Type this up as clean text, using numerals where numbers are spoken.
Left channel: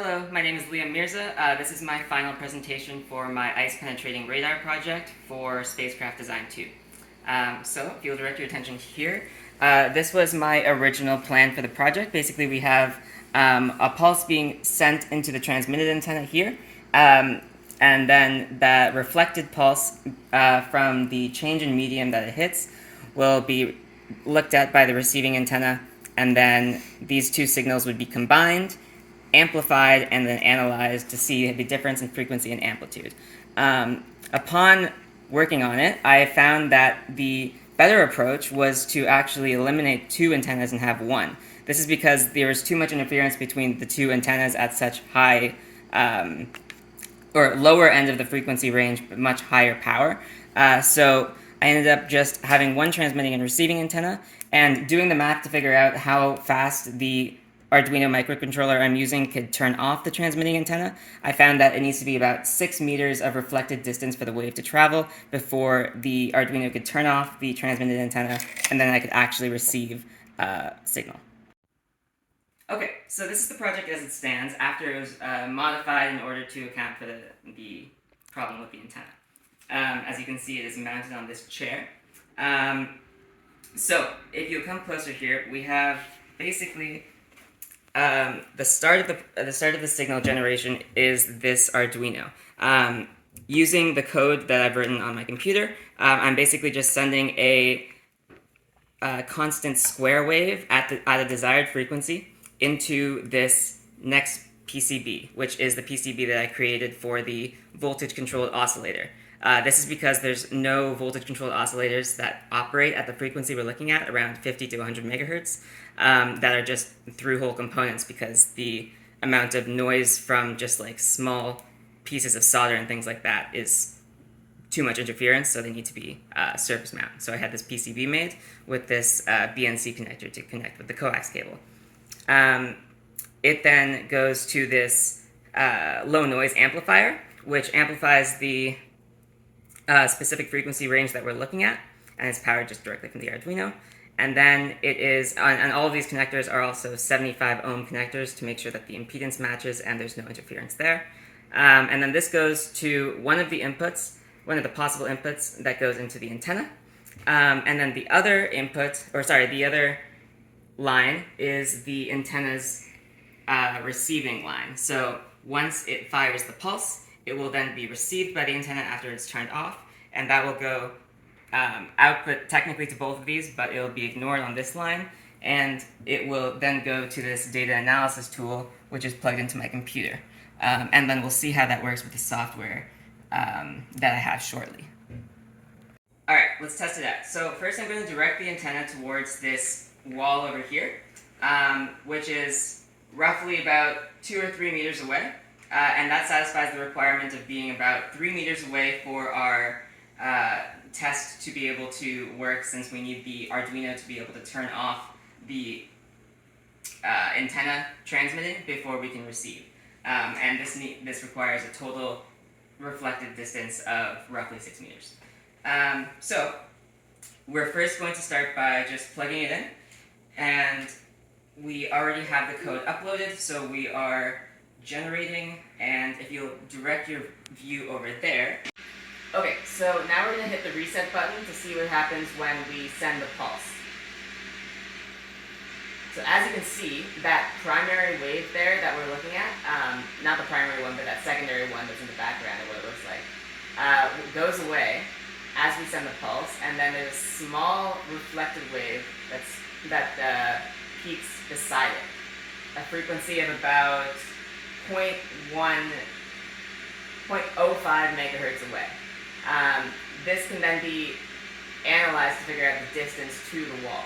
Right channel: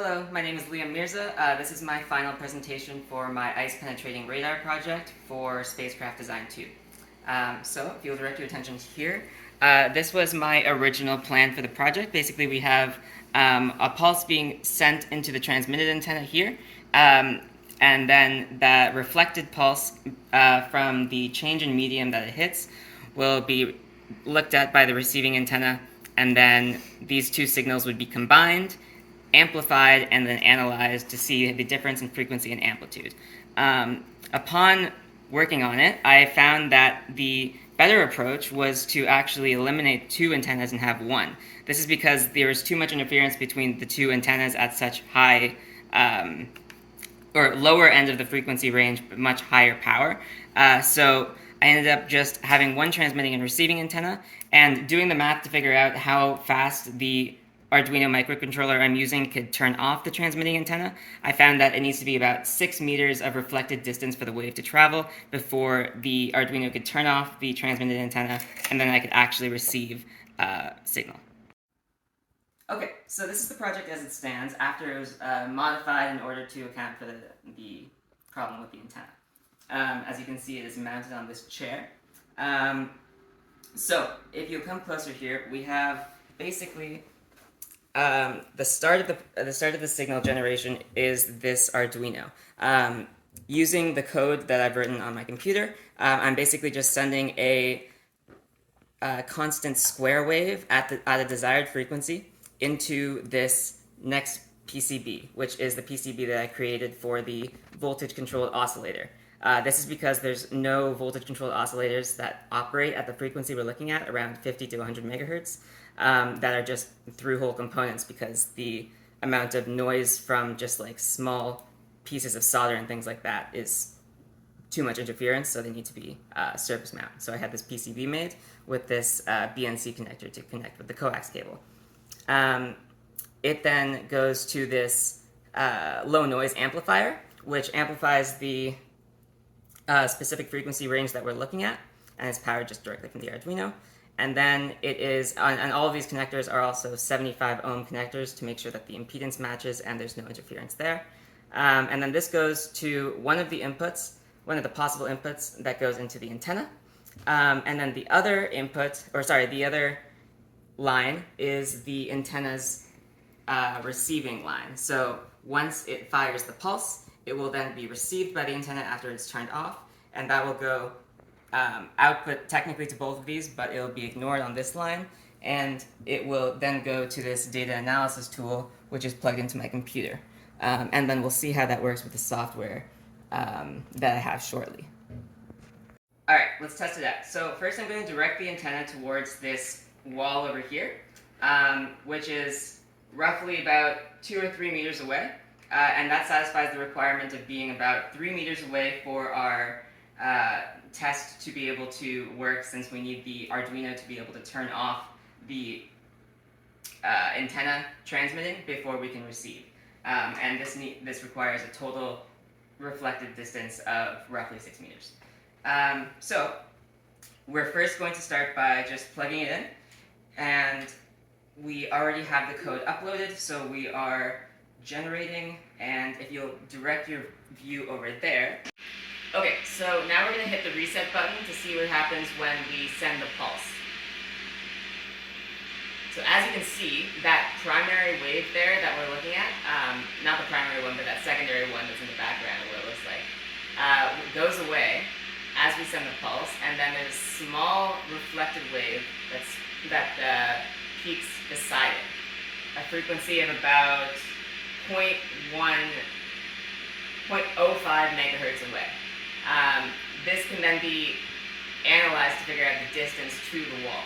Hello, my name is Liamm Mirza. This is my final presentation for my ice-penetrating radar project for Spacecraft Design 2. So, if you'll direct your attention here, this was my original plan for the project. Basically, we have a pulse being sent into the transmitted antenna here, and then that reflected pulse from the change in medium that it hits will be looked at by the receiving antenna, and then these two signals would be combined, amplified, and then analyzed to see the difference in frequency and amplitude. Upon working on it, I found that the better approach was to actually eliminate two antennas and have one. This is because there was too much interference between the two antennas at such high or lower end of the frequency range, but much higher power. So I ended up just having one transmitting and receiving antenna, and doing the math to figure out how fast the Arduino microcontroller I'm using could turn off the transmitting antenna. I found that it needs to be about 6 meters of reflected distance for the wave to travel before the Arduino could turn off the transmitted antenna, and then I could actually receive signal. Okay, so this is the project as it stands after it was modified in order to account for the problem with the antenna. As you can see, it is mounted on this chair. So if you come closer here, we have basically the start of the signal generation is this Arduino. Using the code that I've written on my computer, I'm basically just sending a constant square wave at a desired frequency into this next PCB, which is the PCB that I created for the voltage-controlled oscillator. This is because there's no voltage-controlled oscillators that operate at the frequency we're looking at, around 50 to 100 megahertz, that are just through-hole components because the amount of noise from just like small pieces of solder and things like that is too much interference, so they need to be surface mount. So I had this PCB made with this BNC connector to connect with the coax cable. It then goes to this low noise amplifier, which amplifies the specific frequency range that we're looking at, and it's powered just directly from the Arduino. And then it is, and all of these connectors are also 75 ohm connectors to make sure that the impedance matches and there's no interference there. And then this goes to one of the inputs, one of the possible inputs that goes into the antenna. And then the other input, the other line is the antenna's receiving line. So once it fires the pulse, it will then be received by the antenna after it's turned off, and that will go output technically to both of these, but it will be ignored on this line, and it will then go to this data analysis tool, which is plugged into my computer. And then we'll see how that works with the software that I have shortly. Alright, let's test it out. So first I'm going to direct the antenna towards this wall over here, which is roughly about 2 or 3 meters away. And that satisfies the requirement of being about 3 meters away for our test to be able to work, since we need the Arduino to be able to turn off the antenna transmitting before we can receive. And this requires a total reflected distance of roughly 6 meters. So we're first going to start by just plugging it in, and we already have the code uploaded, so we are generating, and if you'll direct your view over there. Okay, so now we're going to hit the reset button to see what happens when we send the pulse. So as you can see, that primary wave there that we're looking at, not the primary one, but that secondary one that's in the background of what it looks like, goes away as we send the pulse, and then there's a small reflected wave that peaks beside it, a frequency of about 0.05 megahertz away. This can then be analyzed to figure out the distance to the wall.